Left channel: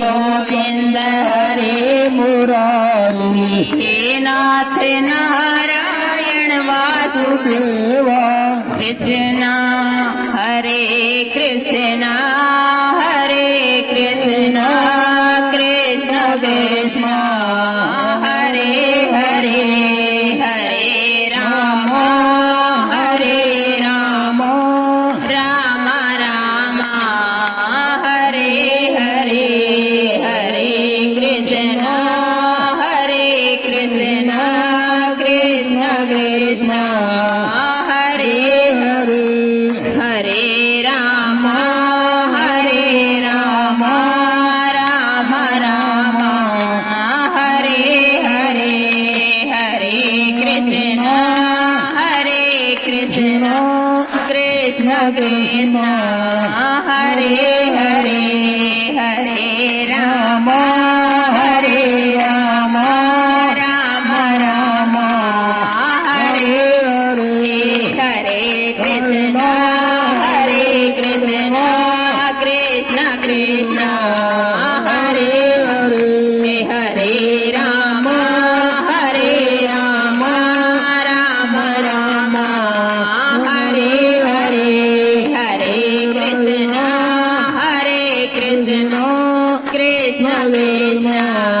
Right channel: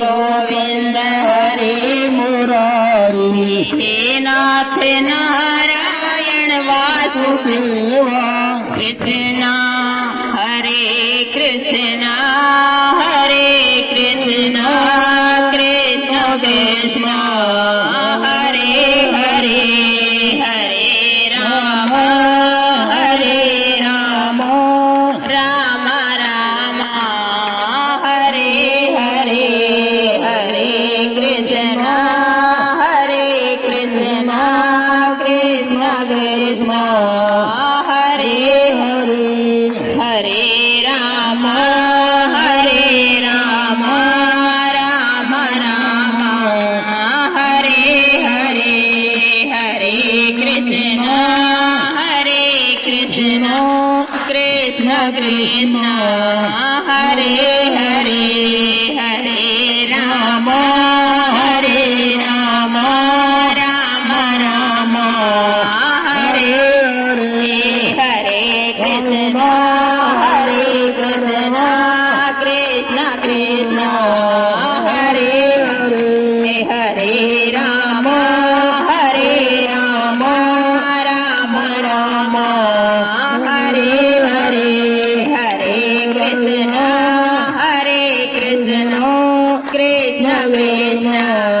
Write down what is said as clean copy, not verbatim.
Govind हरे Murari हे नाथ Narayan Vasudeva Krishna हरे Krishna हरे Krishna Krishna Krishna Hare Hare Hare Ram हरे Ram Ram Ram Hare Hare Hare Krishna Krishna Krishna Krishna Hare Hare Hare Ram Ram Ram Hare Hare Hare Krishna Krishna Krishna Krishna Hare Hare Hare Ram Ram Ram Hare Hare Krishna Krishna Krishna Hare Hare Ram Ram Ram Hare Hare Hare Krishna Krishna Krishna